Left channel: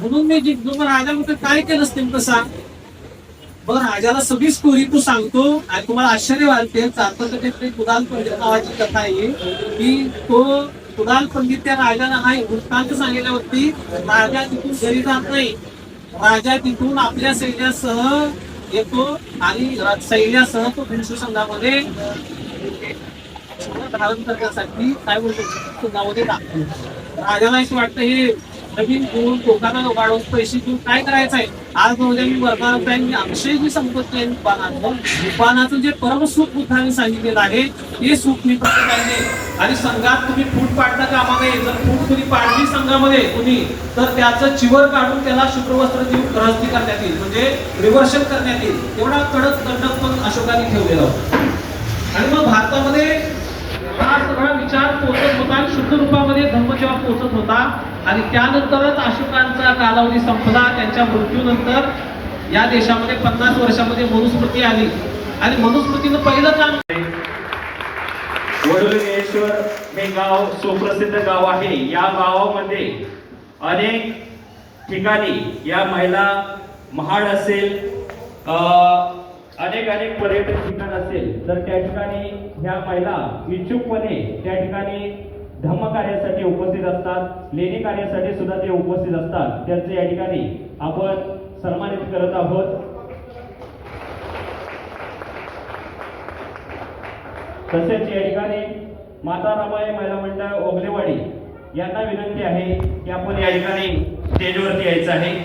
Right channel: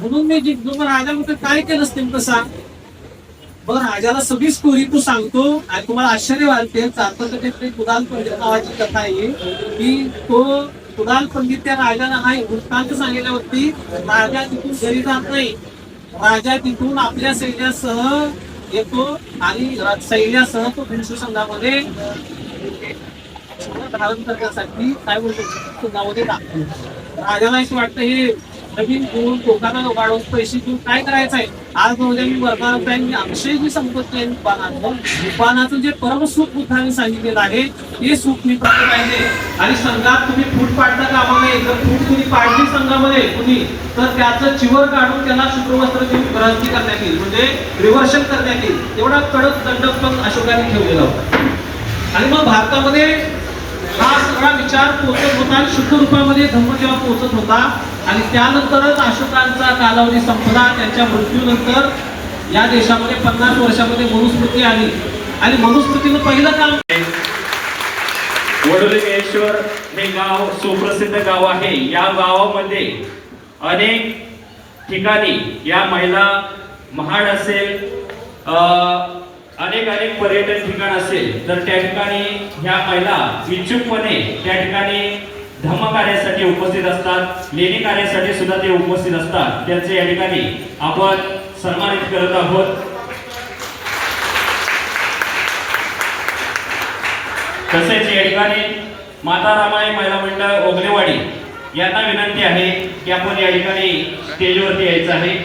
म्हणून मी जिंकलो. राजामध्ये काय केलं असतील तसा बरं राजाला सगळी स्टोरी तू सांगतो आणि तुम्हाला आश्चर्य वाटते. चारपटकीतली कुणाल पंडित नावाची कथा आहे की तो कुणाल पंडित त्या राजाला हा वृत्तांत सांगितल्यावरती राजा तिथून घरी जात नाही. राजा तिथून आपल्या सैन्यासह येतो आणि सैन्यासह तो भिंसू संघामध्ये धारण करण्यासाठी काय बोलतो संघामध्ये टाकतो. राजाला असं वाटतं हे नवीन घेऊन लोकांना वाढवून पैसे घेऊन काय करायचं आहे. आज उद्या मी वर्गावर जाईन मी अक्षय जी संपत्ती आहे दुकानाचं जे परम सुख बुद्धाने सांगितलेलं आहे ते सुख मी पाहिजे पाहिजे. आणि संघात तुम्ही फूट पाडता कामा नये. जर फूट कुणी पाडली संघामध्ये कुणी तर त्याचं चिवर काढून त्याला शुक्रवस्त्र देऊन ग्रहस्थी करण्यात येईल म्हणजे रिव्हर्शन करण्यात येईल. एवढा कडक दंड पण अशोकाने ठेवलेला होता. आणि मग भारतामध्ये हा सगळा विचार पोहोचत होता आणि शुद्ध रूपामध्ये धम्म जेव्हा पोहोचत होता आणि त्यानंतरच अशोकांचा कालावधी संपला. त्यांच्या मृत्यूनंतर या देशामध्ये 50 वर्षामध्ये मनुस्मृती आली आणि मनुस्मृतीनं पहिलं काम वडोलीमेश्वर हे गाव सुप्रसिद्ध गाव आहे. या गावामध्ये अनेक ठिकाणी या महिला महाड असेल अनेक पर्यटन ठिकाण असेल तर त्या ठिकाणी ह्या महिला इच्छुकपणे त्या ठिकाणी धम्म कार्यासाठी उपस्थित असतात. लेणी कार्यासाठी सुद्धा ते उपस्थित असतात. त्यांचे या ठिकाणी आपण सन्मानित करत आहोत. तसेच या ठिकाणी माता रामाई महिला मंडळ ओगलेवाडी यांना विनंती आहे की आपण या ठिकाणी स्टेजवरती यायचं आहे.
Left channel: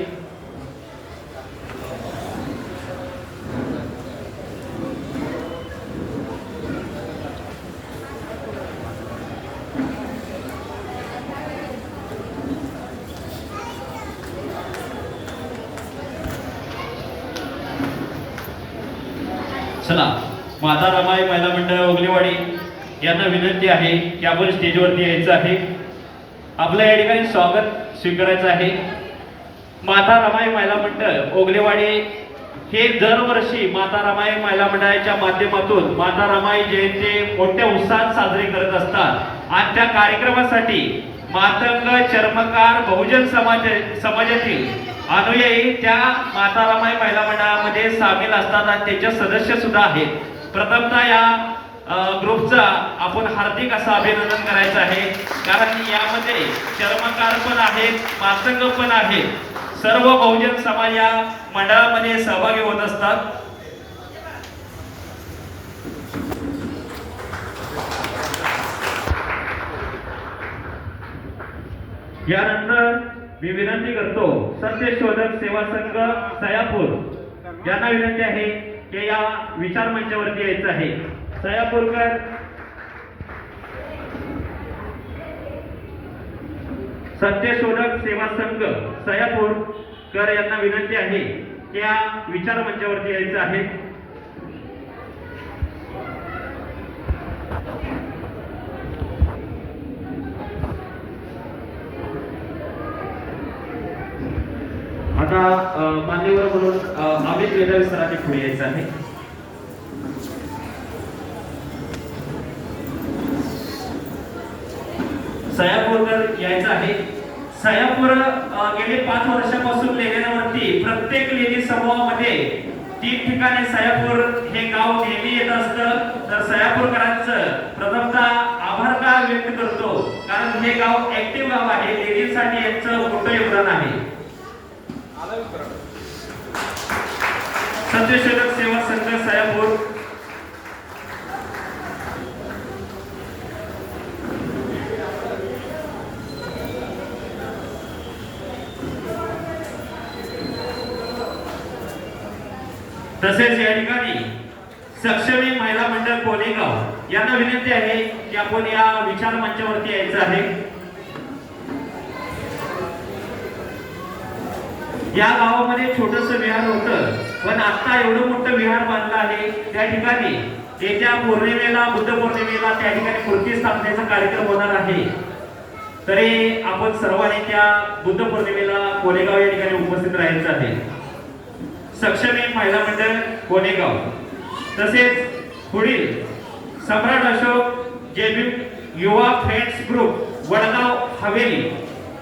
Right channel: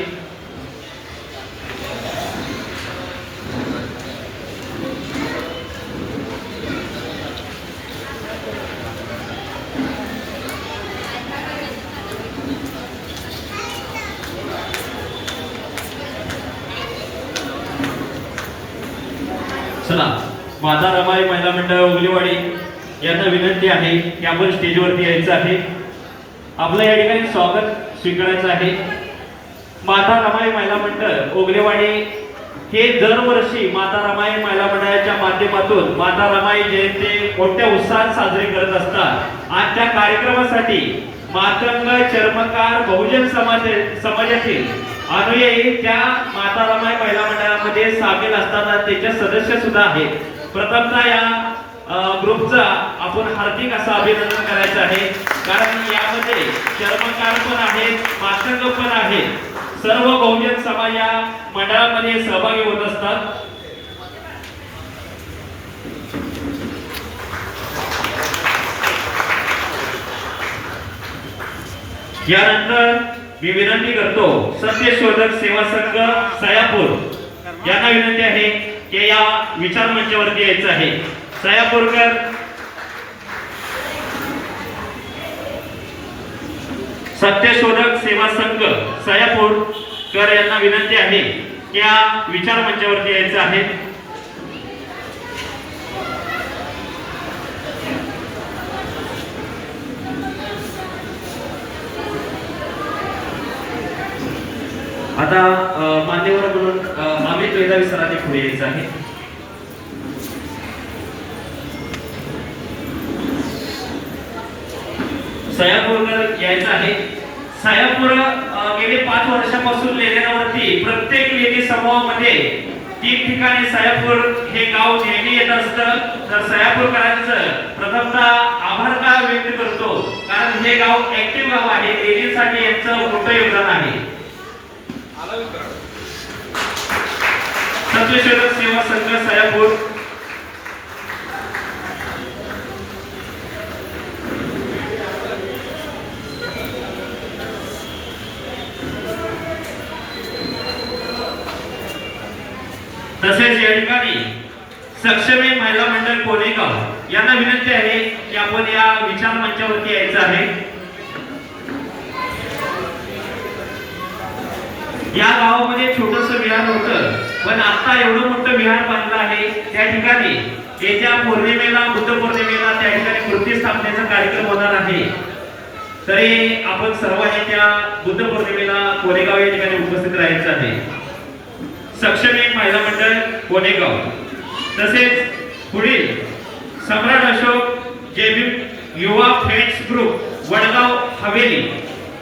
चला माता रमाई महिला मंडळ ओगलेवाडी यांना विनंती आहे की आपण स्टेजवरती यायचं आहे. आपलं या ठिकाणी स्वागत स्वीकारायचं आहे. माता रमाई महिला मंडळ ओगलेवाडी हे दरवर्षी माता रमाई महिला मंडळाच्या माध्यमातून माता रमाई जयंती मोठ्या उत्साहात साजरी करत असतात. आणि त्या कार्यक्रमासाठी मातंग चर्मकार बहुजन समाजातील अनुयायी त्या माता रमाई महिला मंडळामध्ये सामील असतात आणि त्याचे सदस्य सुद्धा आहेत. प्रथमतः या ग्रुपचा आपण हार्दिक असं अभिनंदन करायचं आहे. कारण यामध्ये चर्मकार पण आहेत मातंग पण आहेत. सर्व बहुजन समाज या मंडळामध्ये सहभागी होत असतात. यानंतर मी विनंती करतो सत्यशोधक सेवा संघ सयापूर यांना विनंती आहे की या विचार मंचावरती यायचं आहे. सयापूरकर सत्यशोधक सेवा संघ सयापूरकर यांना विनंती आहे की या विचार मंचावरती यायचं आहे. आता मान्यवर म्हणून अमित मेधावी सरांनी पुढे यायचं आहे. सयापूरकर यायचं आहे. सयापूर गेले 5 वर्षापासून लेण्यावरती प्रत्येक लेणी समूहामध्ये 3 ठिकाणी सयापूर हे गाव नेहमी येत असतं. तर सयापूरकरांचं प्रथमतः आभार का व्यक्त करतो कारण हे गाव ऍक्टिव्ह गाव आहे. लेणीसाठी यांचं मोठं योगदान आहे. सत्यशोधक सेवा संघ सयापूर तसेच या ठिकाणी सक्षमी महिला मंडळ कोरेगाव यांना विनंती आहे की आपण या विचार मंचावरती यायचं आहे. या गावामध्ये छोटस विहार होतं पण आता एवढं मोठं विहार बांधलं आहे. त्या ठिकाणी येत्या पौर्णिमेला बुद्ध पौर्णिमेला त्या ठिकाणी मूर्ती स्थापनेचा कार्यक्रम होणार आहे. तरी आपण सर्वांनी त्या बुद्ध पौर्णिमेला कोरेगाव या ठिकाणी उपस्थित राहायचं आहे. सक्षम एक महिला मंडळ कोरेगाव तसेच पुढील सम्राट अशोक जेबी युवा फ्रेंड्स ग्रुप वडगाव हवेली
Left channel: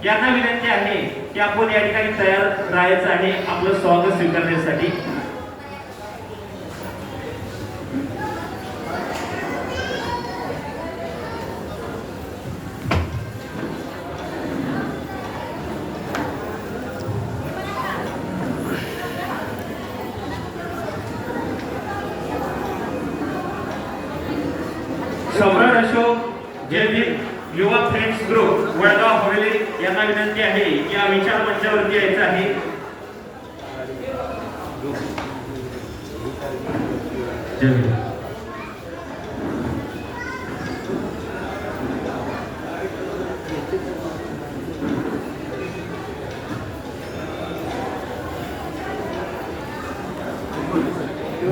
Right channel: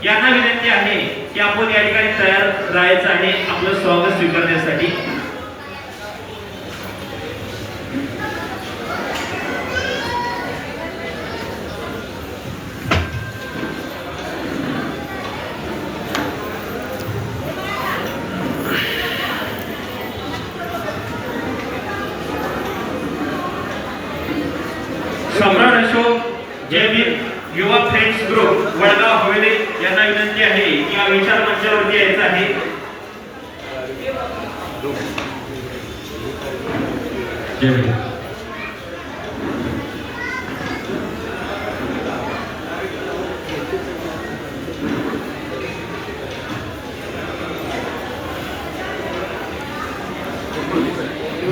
यांना विनंती आहे की आपण या ठिकाणी तयार राहायचं आहे आपलं स्वागत स्वीकारण्यासाठी. सम्राट अशोक जयवीर युवा फ्रेंड्स ग्रुप वडगाव हवेली यांना विनंती आहे की या विचार मंचावरती यायचं आहे. जयवीर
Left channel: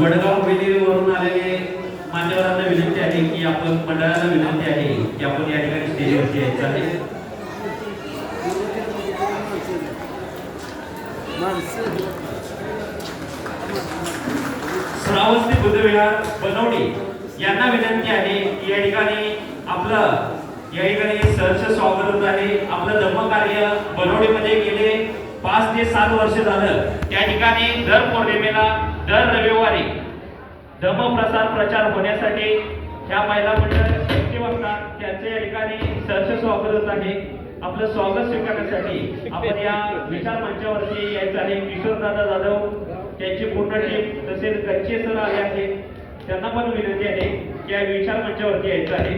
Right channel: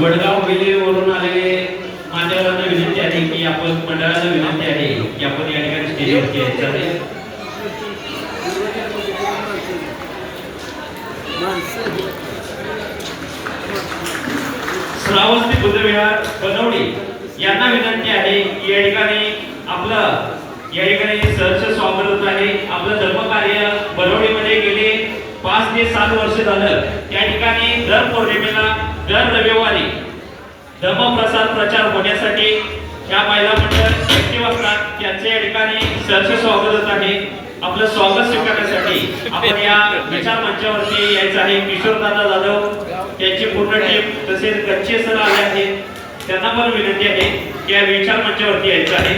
वडगाव हवेलीवरून आलेले मान्यवरांना विनंती आहे की आपण मंडळाला विनंती आहे की आपण या ठिकाणी स्टेजवरती यायचं आहे. श्रावस्ती बुद्धविहार बनवडी यांना विनंती आहे की या ठिकाणी आपलं या ठिकाणी सहर्ष स्वागत होत आहे. आपलं धर्मकार्य बनवडीमध्ये गेले 5 ते 7 वर्ष झालं. त्या ठिकाणी दर पौर्णिमेला दर रविवारी धर्मप्रसार प्रचार होण्यासाठी या महिला मंडळ ऍक्टिव्ह असतात. त्यांचे या ठिकाणी सहर्ष स्वागत होत आहे. आपलं स्वागत स्वीकारण्यासाठी आपण या विचार मंचावरती यायचं आहे. किशोरदादा जाधव त्यांची पूर्ण टीम तसेच गच्चे सर आले आहेत. त्यांना पण विनंती आहे की या विचार मंचावरती यायचं आहे.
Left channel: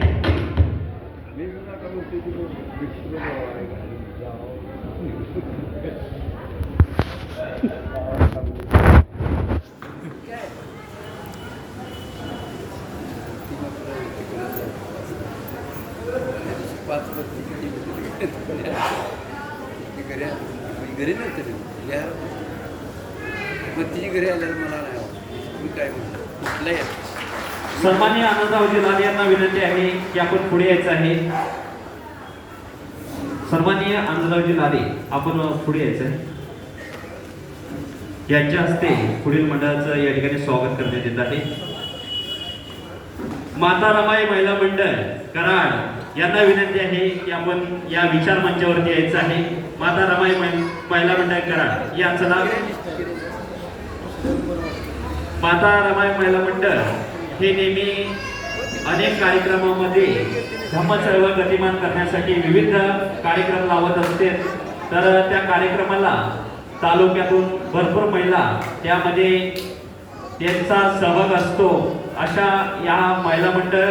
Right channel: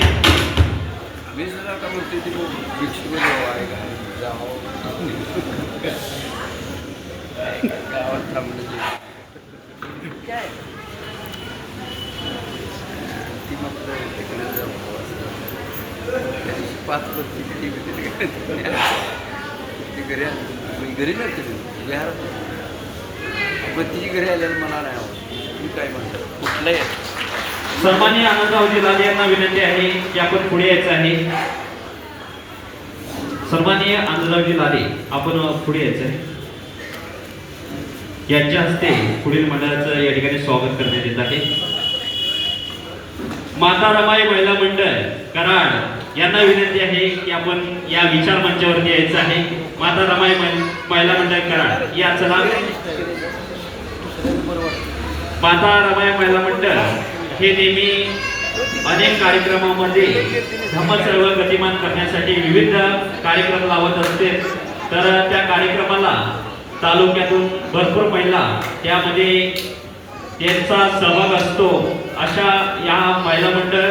घरी नव्हते घरी आल्यावर मला नाही आवडत. मी काय म्हणतो कुठलंही सन्माननीय आनंदरावजी लाले यांना विनंती आहे की आपण पुढे यायचं आहे. सन्माननीय आनंदरावजी लाले आपण पुढे यायचं आहे. यांच्या हस्ते पुढील मंडळाचं या ठिकाणी स्वागत करण्यात येत आहे. माता रमाई महिला मंडळ कराड यांना विनंती आहे की आपण या विचार मंचावरती यायचं आहे. माता रमाई महिला मंडळ कराड या चला. माता रमाई महिला मंडळ हे नेहमी अनेक कार्यक्रमामध्ये धम्म चळवळ गतिमान करण्यासाठी विविध कार्यक्रम लावत असते. तर त्या कार्यक्रमाला तालुक्यातून भरपूर महिला त्यामध्ये त्यांचा सहभाग असतो. अशा या महिला मंडळ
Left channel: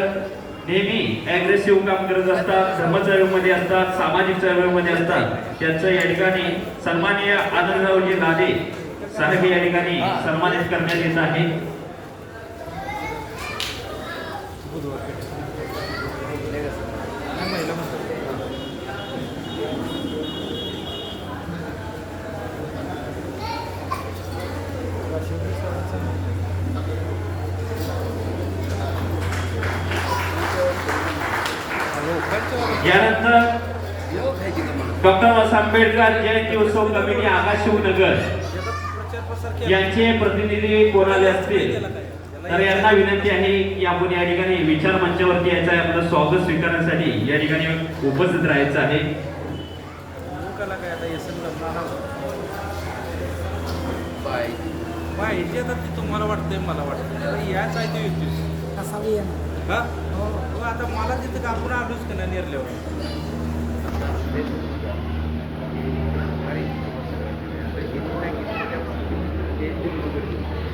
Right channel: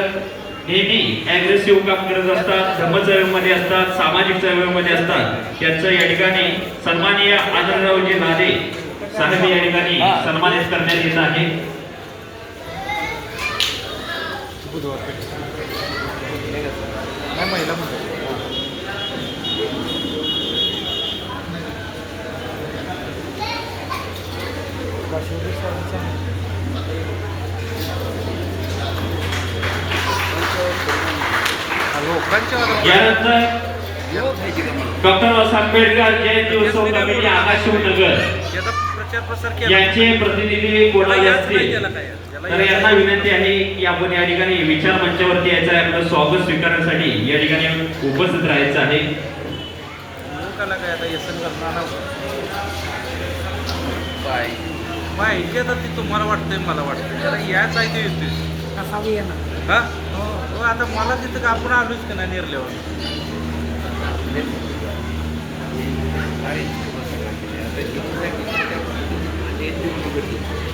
नेहमी ॲग्रेसिव्ह काम करत असतात. धम्म चळवळीमध्ये असतात, सामाजिक चळवळीमध्ये असतात. त्यांचं या ठिकाणी सन्माननीय आनंदरावजी लाले साहेब या ठिकाणी सन्मानित करण्यात येत आहे. यानंतर डॉक्टर बाबासाहेब आंबेडकर जयंती उत्सव कमिटी आकाशशिवनगर यांचे प्रतिनिधी कोणाले असतील तर यांना विनंती आहे की आपण या ठिकाणी विचार मंचावरती यायचं आहे. आपलं स्वागत स्वीकारण्यासाठी या ठिकाणी उपस्थित राहायचं आहे. तुम्हाला वाटतंय मला वाटतं त्याला याच आहे ते येतोय कसा येणार हा हो आता मला तिथं आपण आलोच का नाही निर्ल्यावर.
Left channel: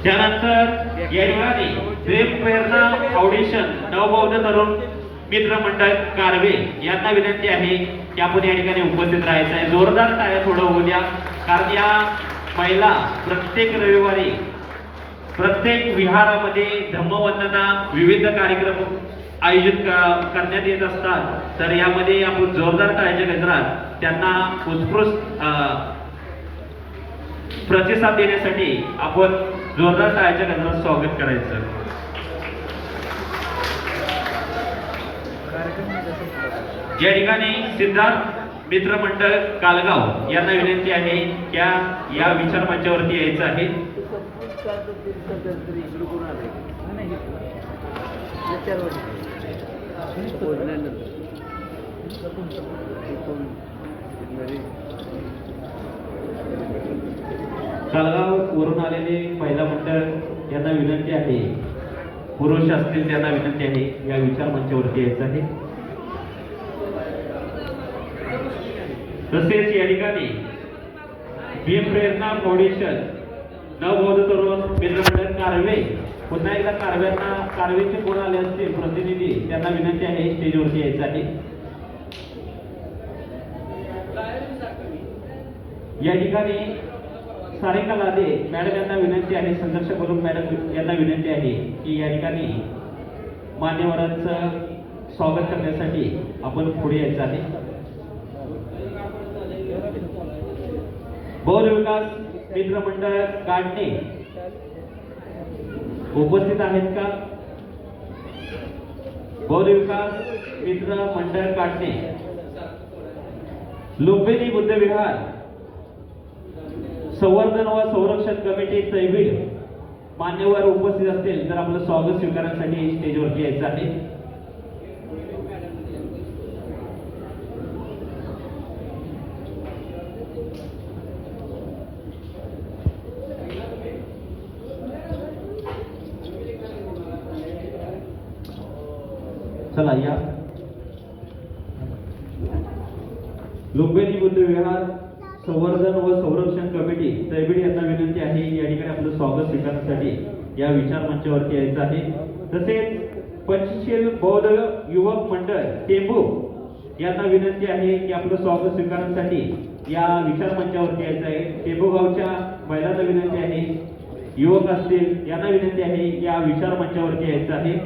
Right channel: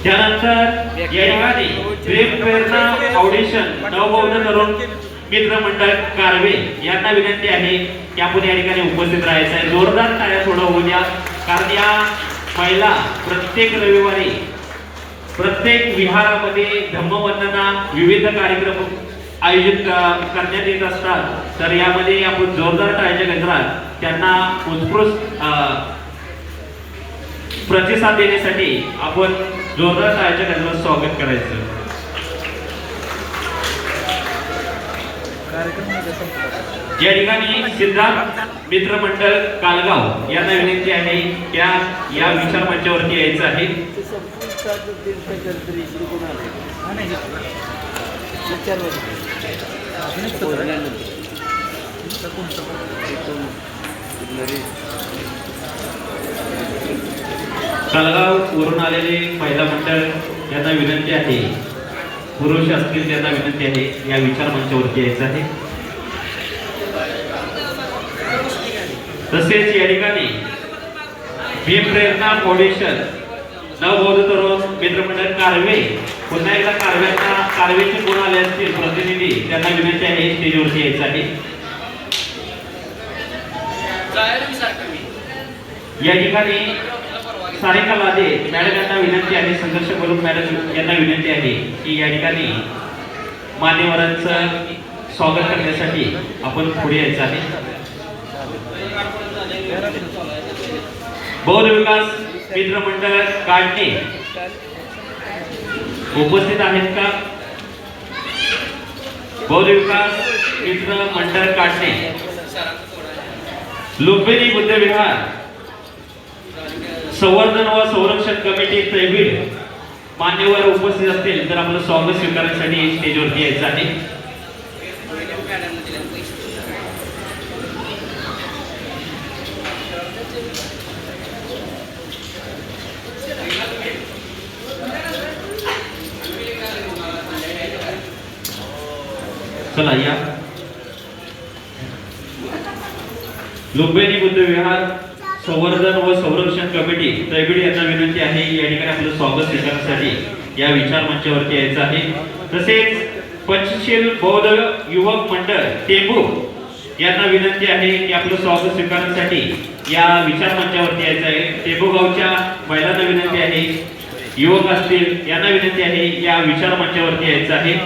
त्यानंतर या ठिकाणी प्रेम प्रेरणा फाउंडेशन नवबौद्ध तरुण मित्र मंडळ कारवे यांना विनंती आहे की आपण या ठिकाणी उपस्थित राहायचं आहे. जोरदार टाळ्या थोडं होऊ द्या. कारण या महिला प्रत्येक रविवारी प्रत्येक विहारामध्ये धम्मवंदना विविध कार्यक्रम आयोजित करण्यात येत असतात. तर यामध्ये आपण जोरदार टाळ्याच्या गजरात त्यांना उत्कृष्ट प्रतिसाद देण्यासाठी आपण जोरदार टाळ्याच्या गजरात स्वागत करायचं. या ठिकाणी सिद्धार्थ मित्र मंडळ कालगाव यांना विनंती आहे त्या या विचार मंचावरती यायचं आहे. कालगाव वरून आलेले महिला मंडळ यांना विनंती आहे, पुरुष असतील त्यांना विनंती आहे या विचार मंचावरती यायचं आहे. तसेच या ठिकाणी भीम प्रेरणा फाउंडेशन नवबौद्ध तरुण मित्रमंडळ कारवे, पुन्हा एकदा कारवेचे कोण आले असतील प्रतिनिधी त्यांना विनंती आहे स्टेजवरती यायचं आहे. या ठिकाणी सारिका लादे मॅडम यांना विनंती आहे, संघर्ष करून मॅडम यांना विनंती आहे की या ठिकाणी मान्यवरांचं स्वागत करण्यासाठी आपण पुढे यायचं आहे. बौद्ध विकास मित्र मंडळ काढणे उपस्थित आहेत का? बौद्ध विकास मित्र मंडळ काढणे, लुंबिनी बुद्ध विहार संवर्धन व संरक्षण कमिटी त्रैबीड मान्यवर उपस्थित असतील तर आपलं स्वागत स्वीकारण्यासाठी स्टेजवरती यायचं आहे. चला या. लुंबिनी बुद्ध विहार संवर्धन व संरक्षण कमिटी त्रैबीड यांना विनंती आहे या ठिकाणी आपलं स्वागत स्वीकारण्यासाठी या विचार मंचावरती यायचं आहे. तसेच पंचशील बौद्ध युवक मंडळ टेंबू यांना विनंती आहे की आपलं स्वागत स्वीकारण्यासाठी या विचार मंचावरती यायचं आहे. टेंबू गावच्या महिलांना विनंती आहे, युवक असतील यांना विनंती आहे या विचार मंचावरती यायचं आहे.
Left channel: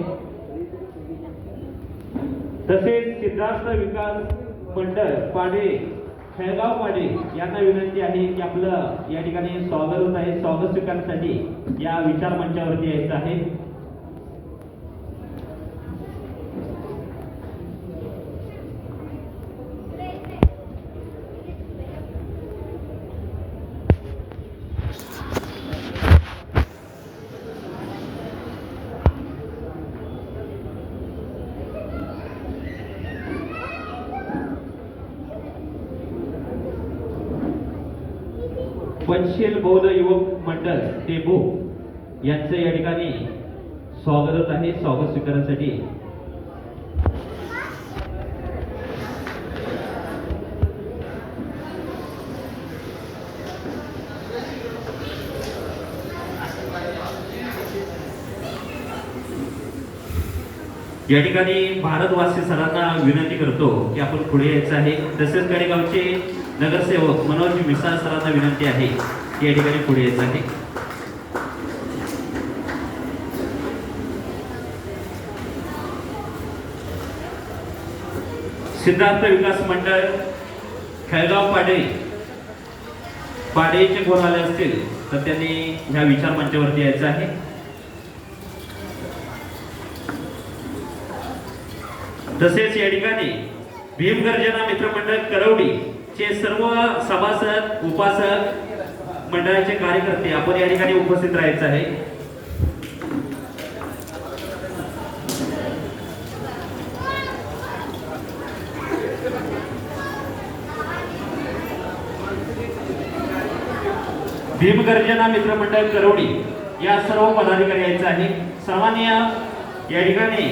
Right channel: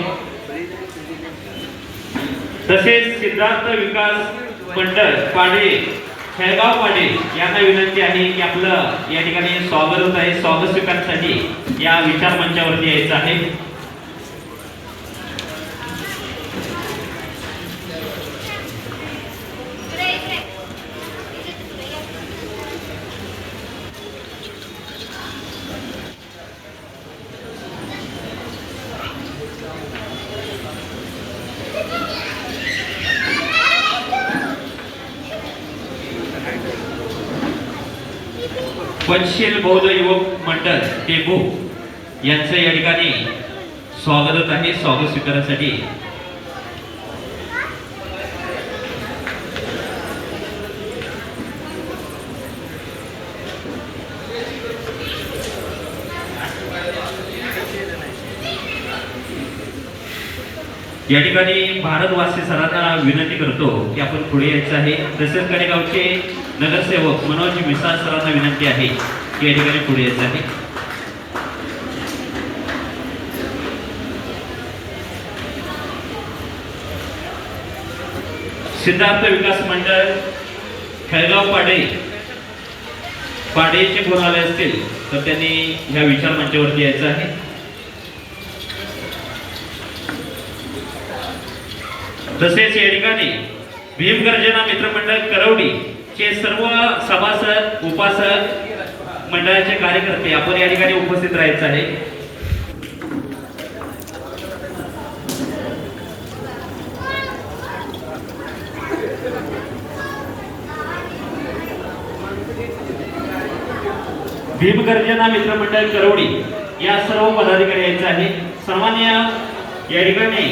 तसेच सिद्धार्थ विकास मंडळ पाडे खेळगाव पाडे यांना विनंती आहे की आपलं या ठिकाणी स्वागत होत आहे, स्वागत स्वीकारण्यासाठी या विचार मंचावरती यायचं आहे. पंचशील बौद्ध युवक मंडळ टेंबू यांचं या ठिकाणी स्वागत आहे, स्वागत स्वीकारण्यासाठी. या ठिकाणी भारतवासी सरांना विनंती करतो की आपण पुढे यायचं आहे. तसेच कडेगावचे नगरसेवक मनोज मिसाळ सरांना विनंती आहे की या ठिकाणी पुढे यायचं आहे. सिद्धार्थ विकास मंडळ खेळगाव पाडेचे कोण आले असतील तर त्यांनी ह्या विचार मंचावरती यायचं आहे. तसेच या ठिकाणी भीमगर्जना मित्रमंडळ करवडी चे सर्व सभासद उपासक मंडळाचे कार्यकर्ते आपण या ठिकाणी उपस्थित राहायचं आहे. भीमगर्जना मित्रमंडळ करवडी या सर्व पदाधिकारी यायचं आहे. सामान्य या ठिकाणी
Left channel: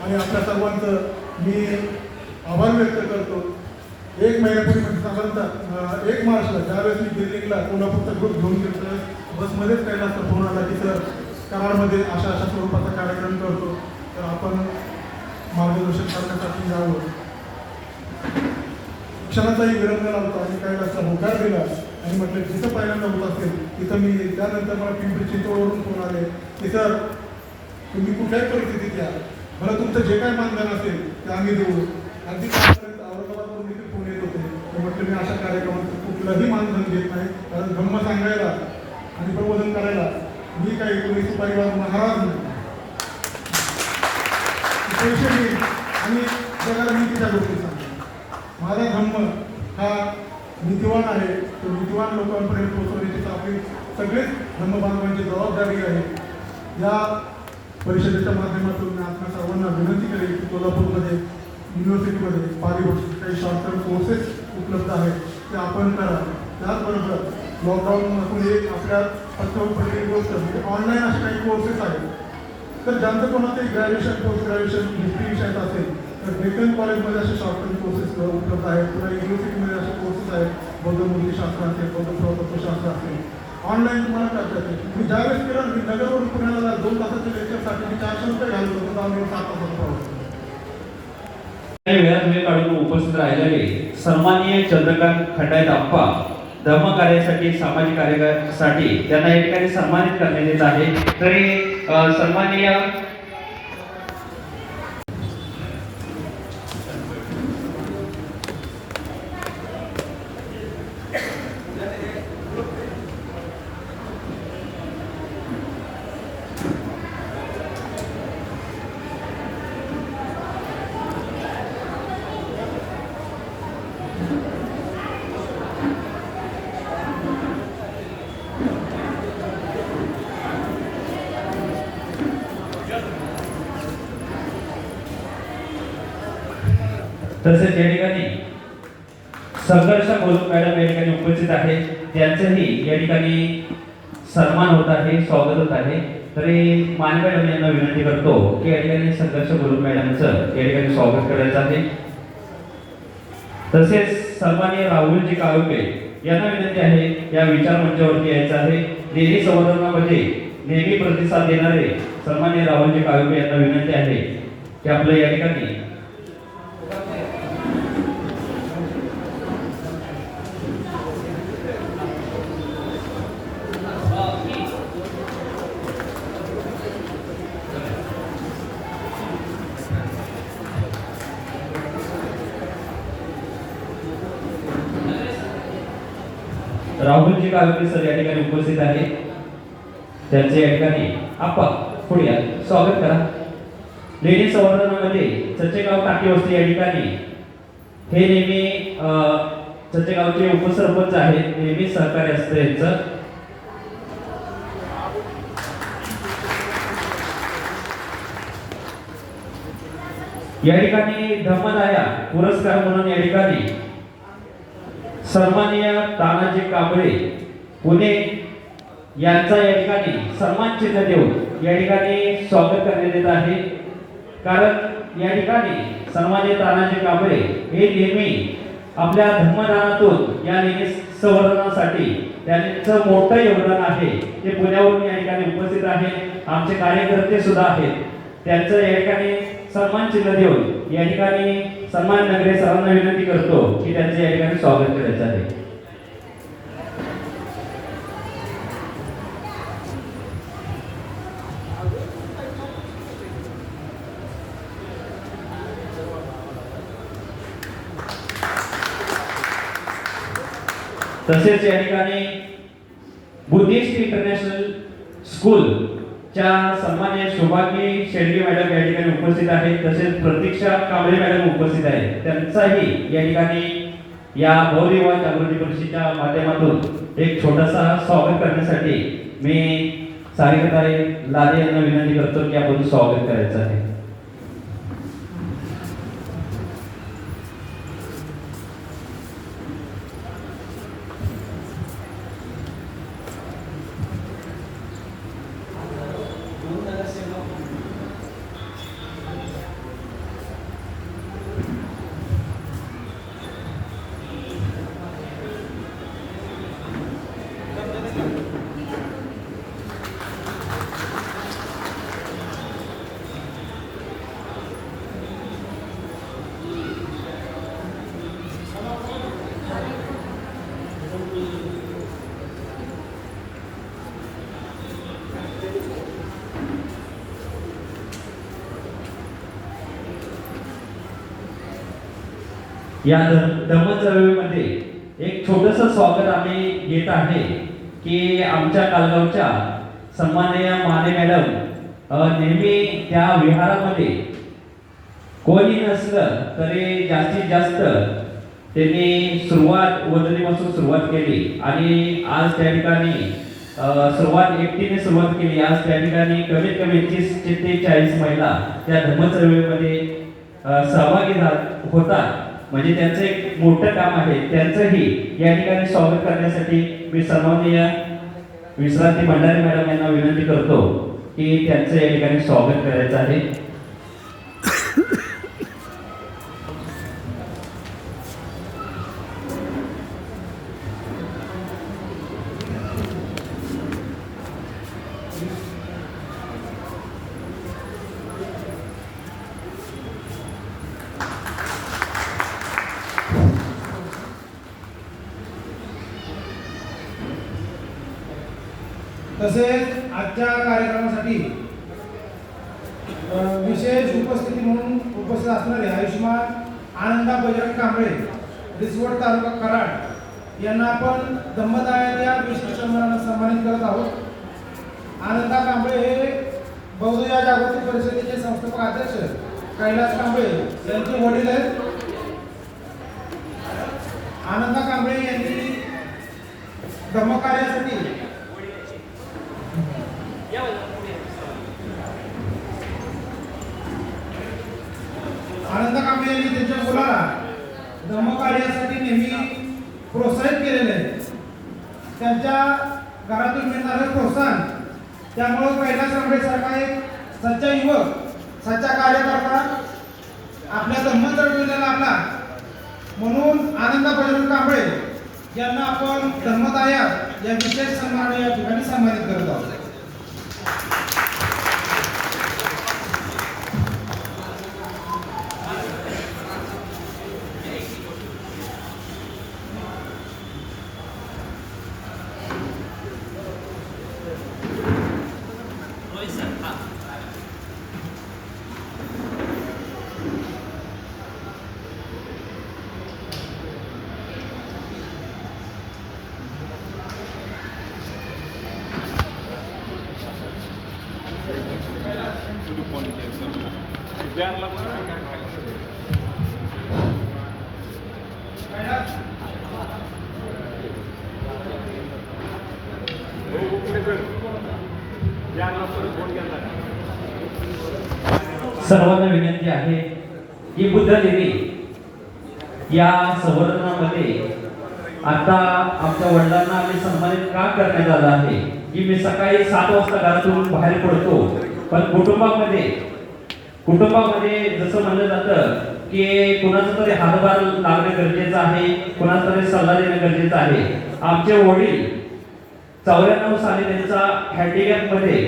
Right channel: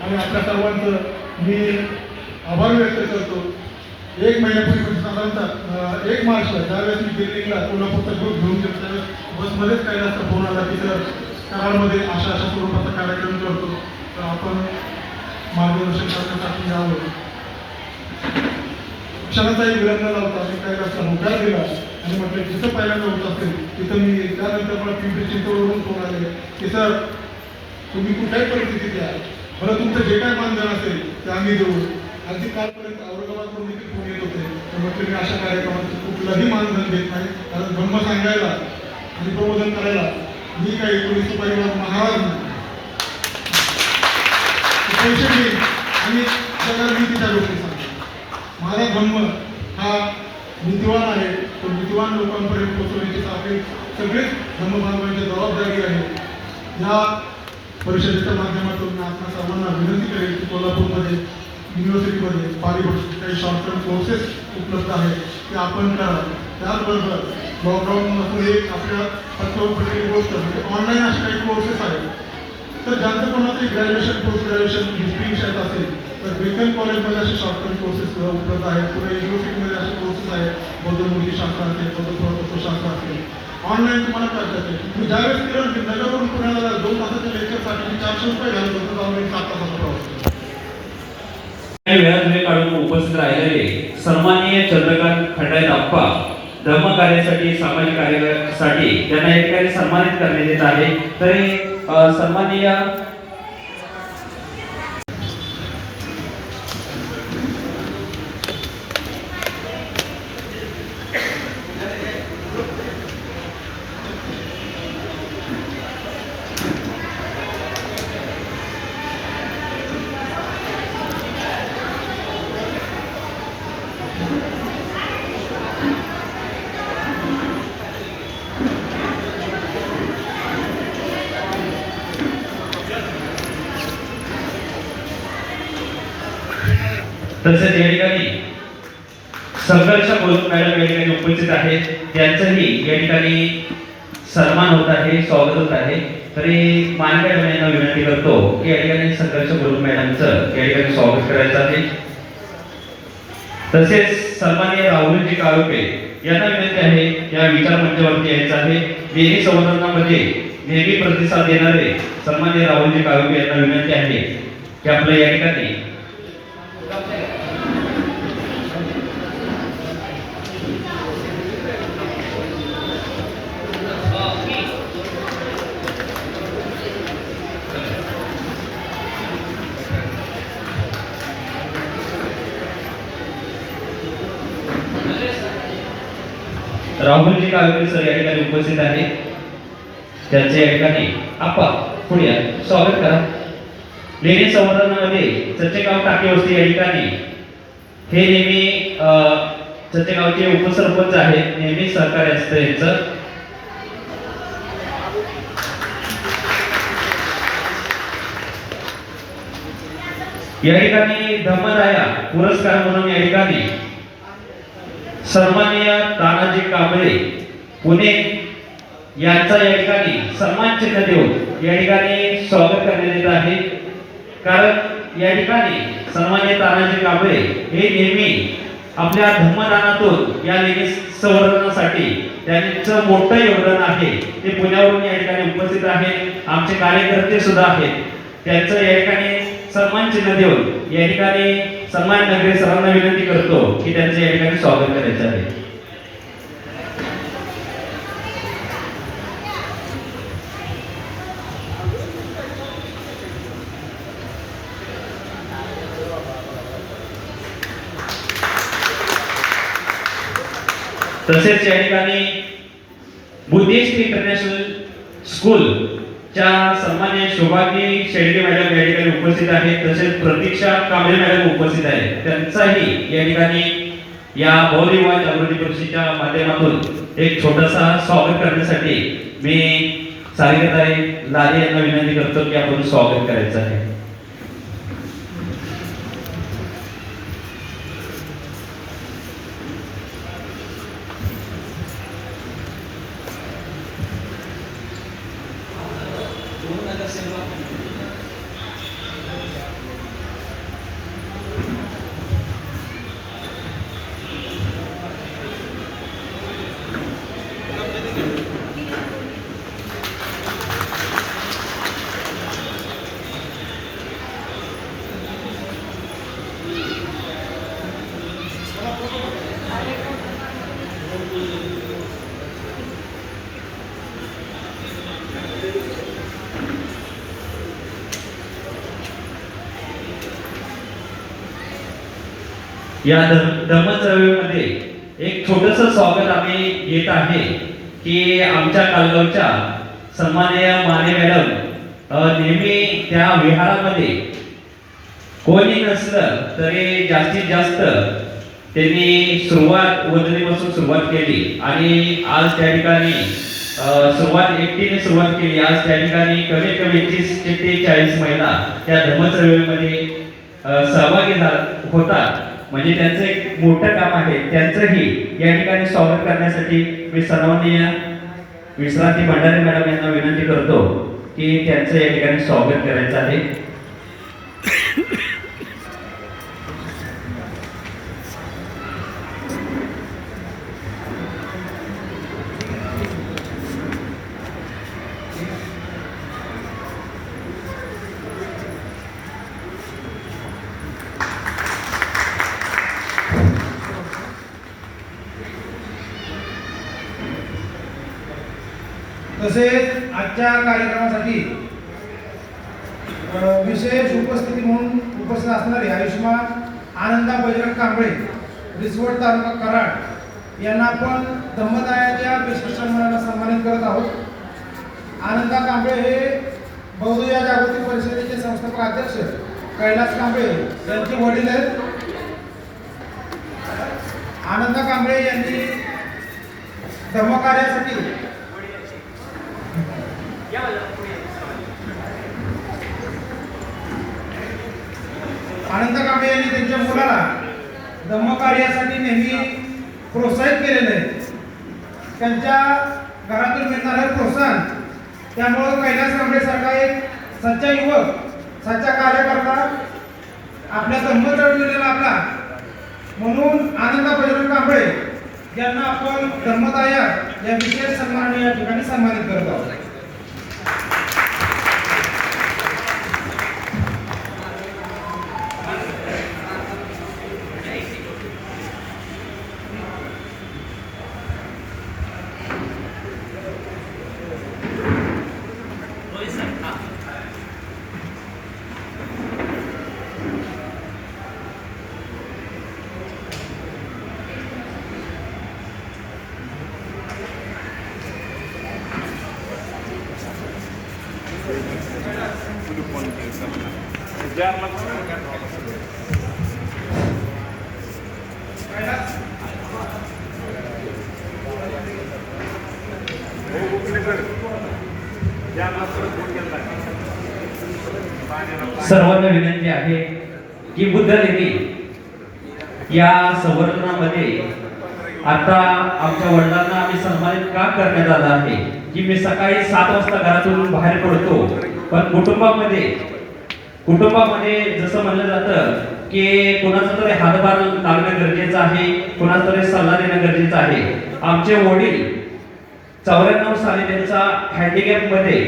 आणि आपल्या सर्वांचं मी आभार व्यक्त करतो. एक महिन्यापूर्वी साधारणतः 1 मार्चला ज्यावेळेस मी दिल्लीला कोल्हापूरचा ग्रुप घेऊन गेलो त्यावेळेस बसमध्येच काही जास्त फोन आला की सर कराडमध्ये अशा स्वरूपाचा कार्यक्रम करतो तर आपण मार्गदर्शन करण्यासाठी यावं. क्षणाचाही विलंब न लावता मी काही जास्त होकार दिला आणि म्हटलं जिथं पहिल्यांदा होत असेल तिथं मी त्यानंतर मला पिंपरी चिंचवडवरून फोन आले की सर तुम्ही कुठल्याही परिस्थितीत या मला तुमचं जे काय मानधन असेल ते आम्ही देऊ. अगदी कालपर्यंत औरंगाबादकडून देखील फोन येत होते तर म्हटलं मी अशा कार्यक्रमाचं कुठलंही मानधन देत नाही, कारण धर्म सांगायला आणि प्रबोधन करायला मी काही पोलीस परिवार महाराज नाही. पैसे देईन आणि जगाला नीतीच्या गोष्टी सांगतो. माझा धर्म हा नीतिवान आहे, तो नीतिवान लोकांपर्यंत पोहोचवण्याची आपली सगळेच धर्मबांधवांची जबाबदारी आहे. या परिषदेच्या माध्यमातून मी आपल्या सर्वांना विनंती करेन की कोल्हापूरमध्ये युनिव्हर्सिटीमध्ये पारिभाषिक काही शॉर्ट टर्म कोर्सेस उपलब्ध आहेत ते आपण करा. त्याबरोबर लॉकडाऊनमधून एक आपल्या प्रत्येक गोष्ट म्हणजे ऑनलाईन असे काही कोर्सेस आहेत. तर ज्यांचं कोणाचं ग्रॅज्युएशन पोस्ट ग्रॅज्युएशन हिस्ट्री विषयात असेल तर बेकन कॉलेजमध्ये असे शॉर्ट टर्म कोर्सेस उपलब्ध आहेत किंवा युनिव्हर्सिटीमध्ये असे कोर्सेस आहेत. बौद्ध मूर्तीशास्त्र असेल, बौद्ध पुरातत्वशास्त्र असेल, ऑनलाईन तुम्हाला करता येते. तुम्ही ज्यावेळेस केलं की नगरवरून पुण्याला 2 तासाच्या लेक्चरसाठी 400 रुपये घालत होतं, आम्ही 7 तासाचा प्रवास केला. काही वेळात वेळ काढून उपस्थित राहिलेले सन्माननीय चंद्रकांत खंडायत आप्पा धर्म कार्यासाठी सामाजिक कार्यासाठी त्यांना या ठिकाणी सन्मानित करण्यात येत आहे. तरी सन्माननीय तसेच या ठिकाणी संघर्ष बोलून मॅडम या ठिकाणी उपस्थित आहेत, त्यांचंही या ठिकाणी सन्मान होत आहे, स्वागत होत आहे. तरी मान मॅडम यांना विनंती करतो की या ठिकाणी संघर्ष बोलून मॅडमचं या ठिकाणी स्वागत करायचं आहे. तसेच सन्माननीय राहुलजी काळुके यांना विनंती आहे या विचार मंचावरती यायचं आहे. देवी संवर्धनामध्ये नेहमी प्रतिसाद देणारे सन्माननीय राहुलजी काळुके यांना विनंती आहे की आपल्या या ठिकाणी राहुलजी काळुके सर या ठिकाणी उपस्थित आहेत. त्यांचे या ठिकाणी आप्पा पुढे या, स्वागत करा. लेणी संवर्धनामध्ये चच्चेगाव टाकी वस्ती या ठिकाणी हे नेहमी चच्चेगावचे उपसरपंच आहेत, नेहमी सहकार्य असतं यांचं. या ठिकाणी धर्मदाया पुरस्कार म्हणून या ठिकाणी सन्माननीय तानाजी कांबळे पुणे यांचा या ठिकाणी सन्मान चिन्ह देऊन या ठिकाणी स्वागत करण्यात येत आहे. कारण या ठिकाणी सन्माननीय तानाजी कांबळे हे नेहमी आपल्या धर्मदानातून या लेणी संवर्धनासाठी त्यांचं मोठं योगदान आहे. ते पुण्यावरून या ठिकाणी उपस्थित आहेत, आमचे कार्यकर्ते सुद्धा आहेत. त्यांचं या ठिकाणी सन्मान चिन्ह देऊन या ठिकाणी सन्मान नगरी सर्वांना विनंती करतो की त्यांचे या ठिकाणी स्वागत करायचे आहे. तसेच या ठिकाणी बुद्धिस्ट इंटरनॅशनल स्कूल च्या सन्माननीय शोभागी शेळके मॅडम या ठिकाणी उपस्थित आहेत. तसेच प्रतीक्षा कांबळे मॅडम उपस्थित आहेत. त्यांचाही या ठिकाणी या बहुविवाह जागृती परिषदेच्या माध्यमातून एक छोटासा स्वागत करण्यासाठी मी सारिकाताई लाले यांना विनंती करतो की आपण स्वागत करायचं आहे. या धर्मचळवळीमध्ये एक छोटस स्वागत आम्ही घेत आहे की आमच्या कालगावच्या सन्माननीय माने मॅडम नेहमी त्या विहारामध्ये कोणी नसलं तरी जास्तीत जास्त त्यांनी वदनीपासून सुरुवात केली आणि आज त्या ठिकाणी एकटीने सुरुवात केली. आज त्या ठिकाणी कमीत कमी 30 ते 40 महिला त्या धर्मचळवळीमध्ये सहभागी होतात. म्हणजे त्यांचं एक मोठं काम आहे. त्यांचंही या ठिकाणी स्वागत करण्यासाठी मी सन्माननीय विश्रांती भंडारे मॅडम यांना विनंती करतो की त्यांचं या ठिकाणी स्वागत करायचं आहे. तसेच आजच्या कार्यक्रमासाठी विशेष उपस्थिती म्हणून उपस्थित असणारे आयुष्यमान आनंदा बजरंग कांबळे, रिसवड तालुका कराड यांना आपण धम्मदायाच्या विशिष्ट सन्मानानं सन्मानित करत आहोत. आनंदा कांबळे हे बौद्ध या जागतिक परिषदेचे संस्थापक अध्यक्ष कैलास कांबळे यांचे वडील आहेत. आनंदा कांबळे यांनी धर्मकार्यासाठी आनंद कांबळे यांनी त्यांच्या मुलाला धर्मकार्यासाठी नेहमी प्रोत्साहित केलेले आहे. त्यांच्या घरातून मिळणारं प्रोत्साहन त्यामुळे कैलास कांबळे सारखा एक सच्चा युवक, सच्चा कार्यकर्ता आपल्या धर्मचळवळीला लागला. म्हणून आनंदा बजरंग कांबळे यांना आपण धर्मदाया या विशेष सन्मानाने या ठिकाणी सन्मानित करत आहोत. सर्वांना विनंती आहे की बुद्ध देवी या संवर्धनामध्ये आता आमच्या वडिलांना आम्ही सन्मानित का करण्यात आला आहे की मी सकाळी 7 वाजता घरातून बाहेर पडतो, पण कुटुंबामध्ये जसं म्हणलं जातं की कोणाचा तरी हातभार लागणं गरजेचं आहे, कोणाचा तरी सल्ला देणं गरजेचं आहे. आमचे वडील 94 साली त्यांचा हँडिकॅप मध्ये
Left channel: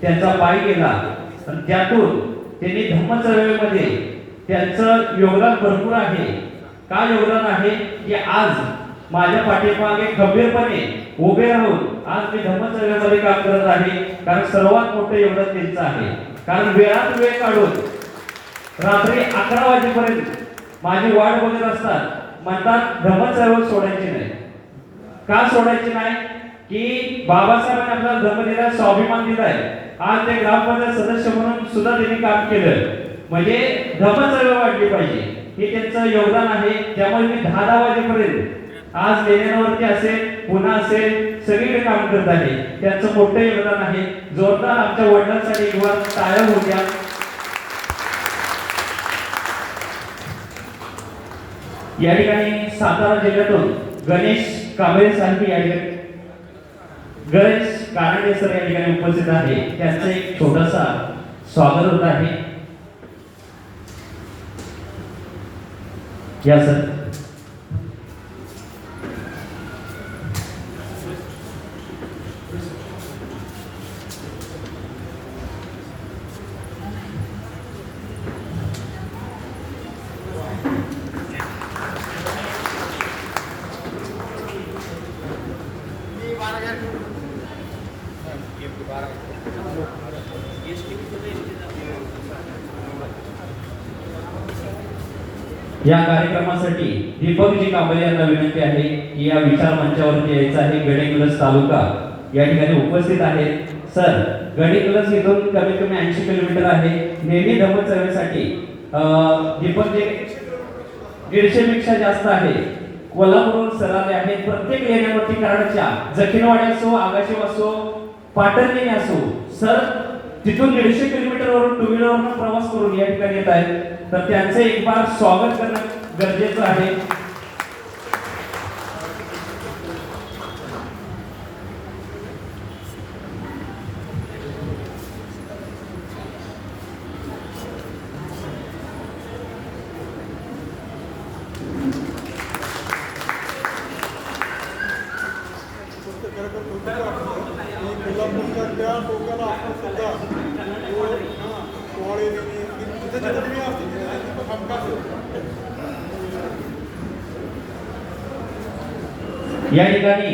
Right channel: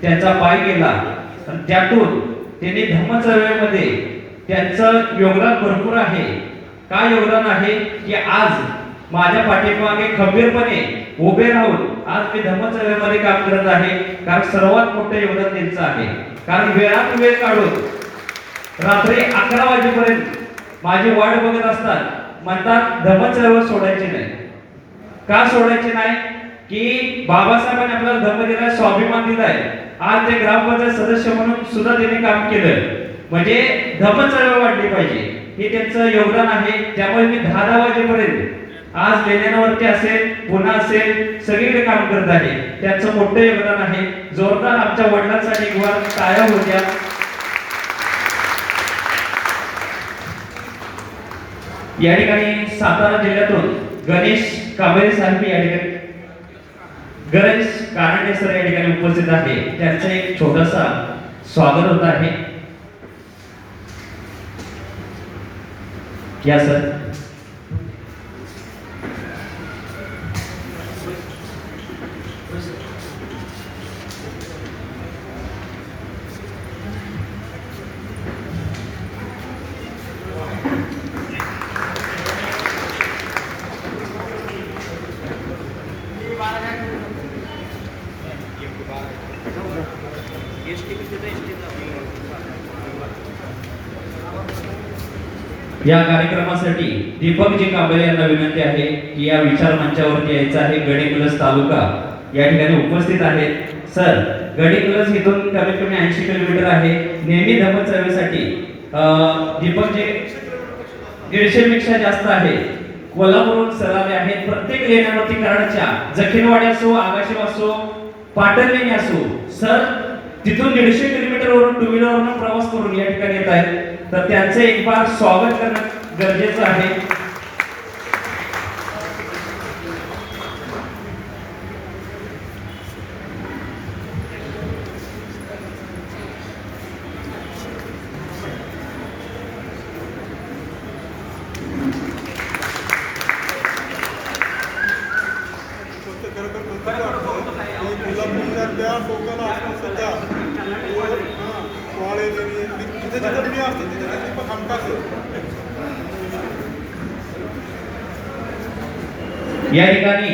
त्यांचा पाय गेला आणि त्यातून त्यांनी धम्मचळवळीमध्ये त्यांचं योगदान भरपूर आहे. काय योगदान आहे की आज माझ्या पाठीमागे खंबीरपणे उभे राहून आज मी धम्मचळवळीमध्ये काम करत आहे. कारण सर्वात मोठं योगदान त्यांचं आहे. कारण वेळात वेळ काढून रात्री 11 वाजेपर्यंत माझी वाट बघत असतात. म्हणतात धम्मचळवळ सोडायची नाही. का सोडायची नाही की बाबासाहेबांनी आपल्याला धर्म दिलाय, स्वाभिमान दिलाय. आज ते ग्रामपंचायत सदस्य म्हणून सुद्धा त्यांनी काम केलं. म्हणजे धर्मचळवळ वाढली पाहिजे हे त्यांचं योगदान आहे. त्यामुळे मी 10 वाजेपर्यंत आज लेण्यांवरती असेल, पुन्हा असेल, सगळीकडे काम करत आहे. त्यांचं मोठं योगदान आहे. जोरदार आमच्या वडिलांसाठी एक वार टाळ्या होत्या. या ठिकाणी सातारा जिल्ह्यातून गणेश कांबळे साहेब या ठिकाणी गणेश कानडे सर या ठिकाणी उपस्थित आहे. त्यांचं एक छोटासा स्वागत होत आहे. या सर. या कार्यक्रमासाठी दीपकजी कांबळे यांना विनंती आहे की या विचार मंचावरती यायचं आहे. गडिंग्लज तालुका या ठिकाणी उपस्थित आहेत. सर, गडिंग्लज इथून कमीत कमी 80 किलोमीटर आहे. नेहमी धर्मचळवळीसाठी दीपकजी 150 पेक्षा जास्त आहे. कोल्हापूरहून सर आले आहेत. प्रत्येक लेण्यावरती कराडच्या जखीनवाडी असो, आगाशी असो, पाटणलेणी असो, सर तिथून 150 किलोमीटरवरून टू व्हीलरवरून प्रवास करून या ठिकाणी येत आहेत. तर त्यांचं एक बार स्वागत करणं गरजेचं आहे. फक्त खरोखर कौतुक वाटतं की कोल्हापूरच्या त्या टोकाला आपण सुद्धा सोहळे लेणी आणि जिथे जिथे मी असतो तिथे दीपक हमखास आहे. या ठिकाणी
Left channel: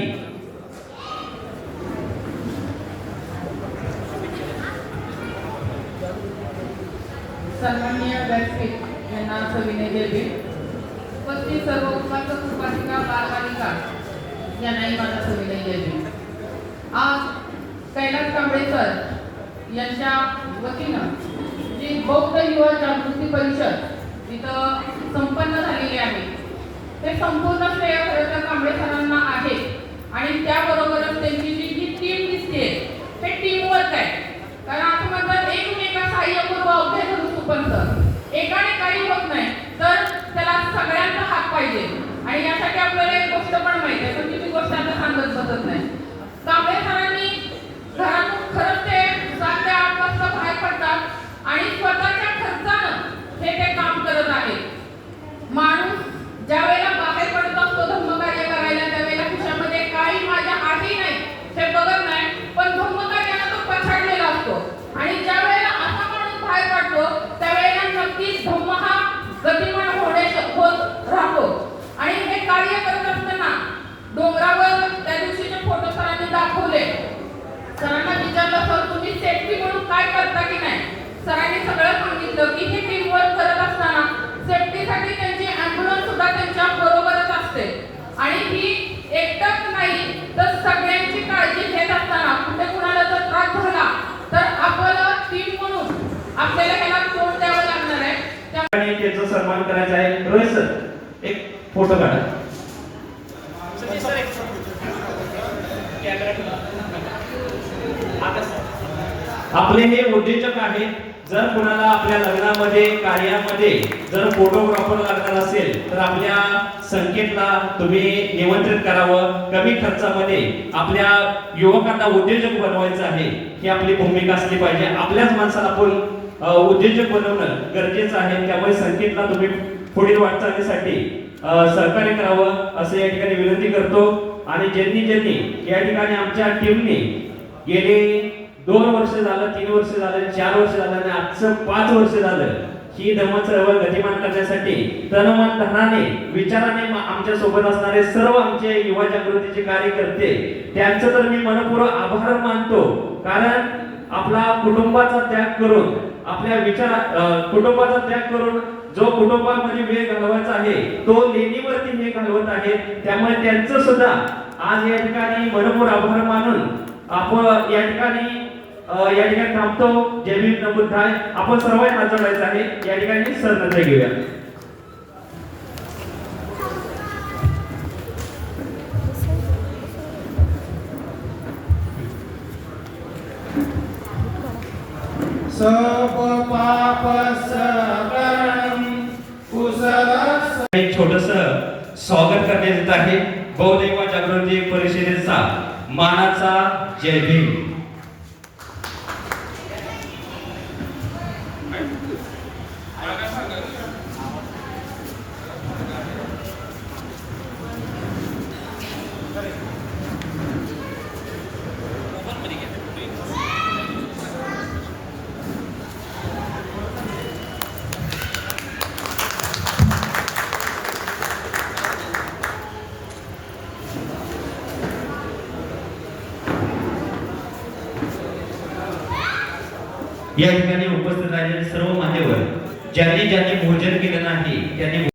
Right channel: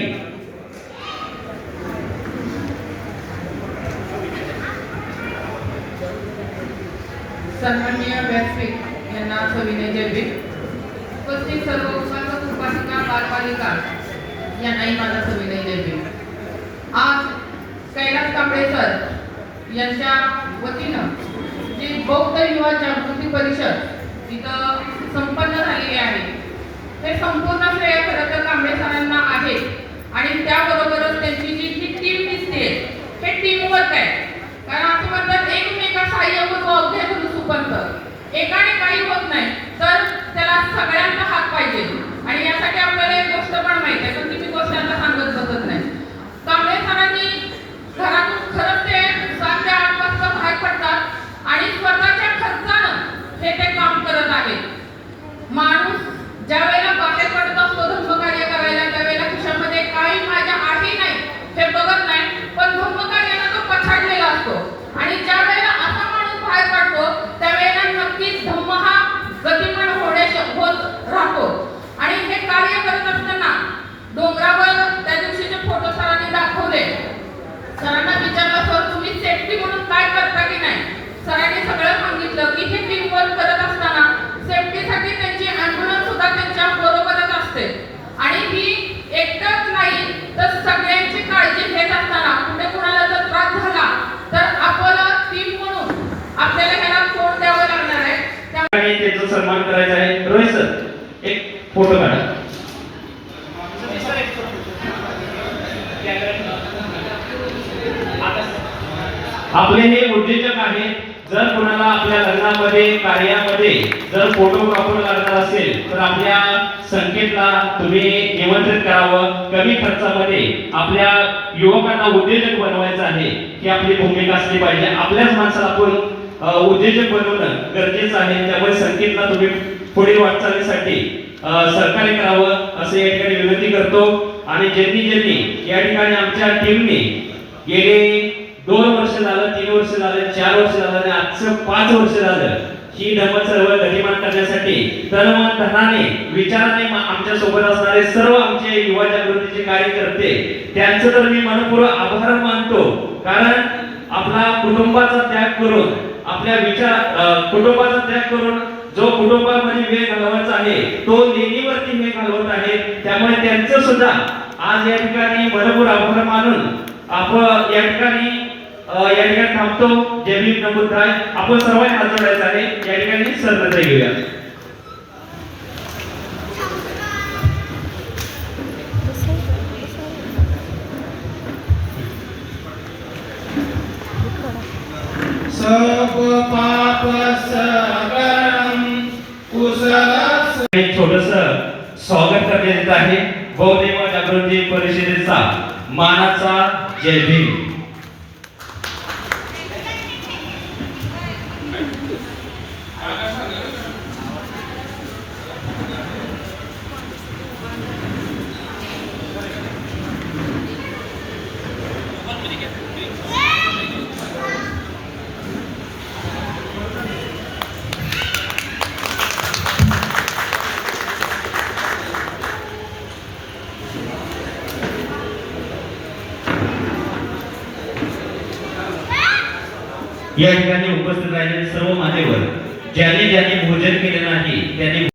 सन्माननीय व्यासपीठ यांना सविनय जयभीम. उपस्थित सर्व उपस्थित उपासिका बालबालिका यांनाही माझा सविनय जयभीम. आज कैलास कांबळे सर यांच्या वतीनं जी बौद्ध युवा जागृती परिषद इथं संपन्न झालेली आहे, ते संपूर्ण श्रेय खरं तर कांबळे सरांना आहे. आणि त्याबरोबरच त्यांची जी ही टीम दिसते हे टीम वर्क आहे. कारण आपण म्हणतात एकमेका सहाय्य होतो अवघे गुरु सुपंथ. एकाने काही होत नाही तर त्याला सगळ्यांचा हात पाहिजे. आणि यासाठी आपल्याला एक गोष्ट पण माहिती आहे, पण ती गोष्ट आता सांगत बसत नाही. कांबळे सरांनी घरातून खरंच ते 7 ते 8 वाजता बाहेर पडतात आणि स्वतःच्या खर्चानं ते काम करत आहेत. माणूस ज्या वेळेला बाहेर पडत असतो धर्मकार्य करायला, त्यावेळेला खिशामध्ये काही माझ्या आहे नाही हे बघत नाही, पण धर्मकार्याला तो पछाडलेला असतो. आणि ज्या वेळेला असा माणूस बाहेर पडतो त्यावेळेला नक्कीच धम्म हा गतिमान होत राहतो. आणि हे कार्य करत असताना डोंगरावर त्या दिवशीचे फोटो सरांनी दाखवले. सरांना विचारलं, सर तुम्ही सेफ्टी म्हणून काय करता की नाही? सरांनी सगळं सांगितलं की हे टीम वर्क करत असताना सेफ्टीसाठी त्यांची ॲम्ब्युलन्स सुद्धा त्यांच्या बरोबरच असते. आणि ही एकटाच नाही तर सगळ्यांची काळजी घेत असताना कुठे कुणाला जर त्रास झाला तर आपलं टीम म्हणून आपल्याला ह्याला तोंड द्यावं लागणार आहे. आणि त्यांचा सन्मान करायचा आहे. रोहित सर, एक फोटो काढा. आपले हे उद्योजक आहे. जर कोणाला आपल्या लग्नामध्ये कार्यामध्ये जर फोटोग्राफर लागणार असेल तर आपल्या संकेतला तुम्ही निमंत्रित करावं. कमी खर्चामध्ये आपल्या युवकांना उद्योजक बनवायचं आहे ही आपली भूमिका असली पाहिजे. आपल्याच माणसाला आपण उद्योजक बनवणं गरजेचं आहे. त्यामुळे संकेतला तुम्ही पुढील वाटचालीसाठी सहकार्य करावं असं या ठिकाणी विनंती करतो. आणि ज्यांनी या ठिकाणी आमच्या टीमने गेले 2 वर्ष झालं, 3 वर्ष झालं, 4 वर्ष झालं आणि आजचं 5 वर्ष झालं ही धर्म चळवळ गतिमान करण्यासाठी तनमन धनाने विचाराने आमच्या सोबत असणारे सर्व आमचे युवा जागृतीचे कार्यकर्ते त्यांचं तर मी मनपूर्वक आभार मानतो. कारण आपला कुटुंबाचा त्याग करून आपल्या कुटुंबाचा त्याग करून जो कुटुंबामध्ये वेळ घालवायचा आहे तो लेणीवरती वेळ घालवत आहे. त्यामुळे त्यांचं सुद्धा आज या ठिकाणी मनपूर्वक आभार मानून आपण या ठिकाणी थांबतो. जय भीम नमो बुद्धाय. आपण सर्वांनी हात जोडायचा आहे. या ठिकाणी सर्वत्र घेऊया. सब पाप सकलम कुशल. एक छोटस स्वागत करण्यात येत आहे. बौद्ध युवा जागृती परिषदेचा मानाचा जय भीम. या ठिकाणी उपस्थित राहिलेले सर्व मान्यवर ज्यांनी भोजन केले नाही त्यांनी